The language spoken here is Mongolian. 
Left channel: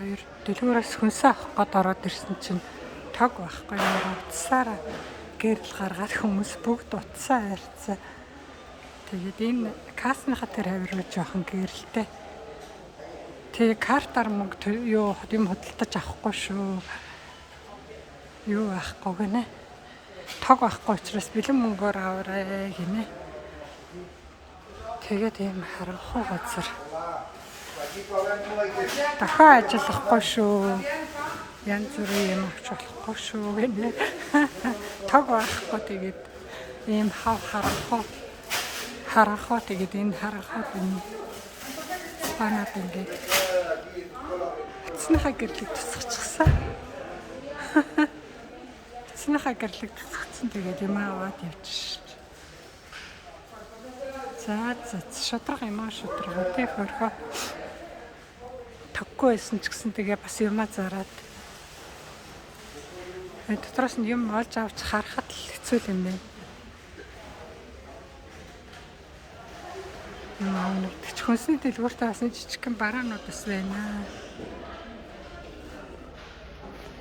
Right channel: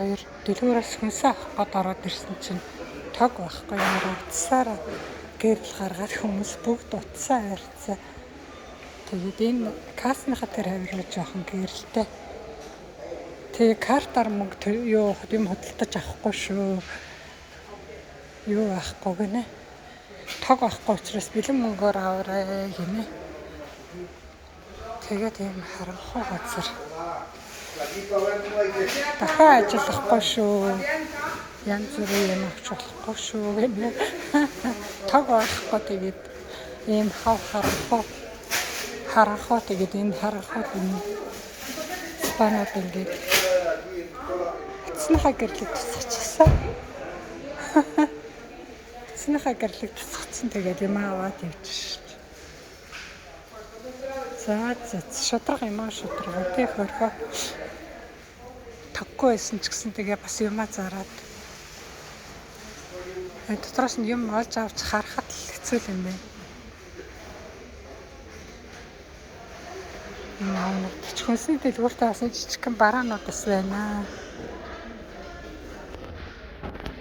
хоёр дэлгүүрээс хүнсээ авах гээд ороод ирсэн чинь тог байхгүй нэрээ утсаараа гэрэл гаргаад хүмүүс бүгд утсаа барьцаа. Тэгээд энэ кассныхаа тэр хавир жоохон гэрэлтэй. Тэгээ картаар мөнгө юу юм хөдөлтөж авахгүй шүү. Юу авахгүй гинэ. Тог авахгүй учраас бэлэн мөнгөөр аваарай гинэ. Тэгээд юм харанхуй газар. Дахиад ажиллахгүй шүү. Янз бүрийн юм авч болохгүй шүү гинэ. Тог авахгүй тэгээд ийм харанхуй тэгээд энэ харанхуйд энэ спанууд ингээд эцнийхээ гэрлийг тусгачихсан. Эцнийхээ гэрлийг тусгацсан тэгээд юм аваад явчих. За шудраг юм аа шудраг тий хөрхөө. Тоггүй байсан ч гэсэн тэгээ бас юмаа зараад. Дотроос нь юм олж авч харахад л хэцүү юм байна. Нэг хүнсний дэлгүүртээ бас жижигхэн бараанууд бас байна.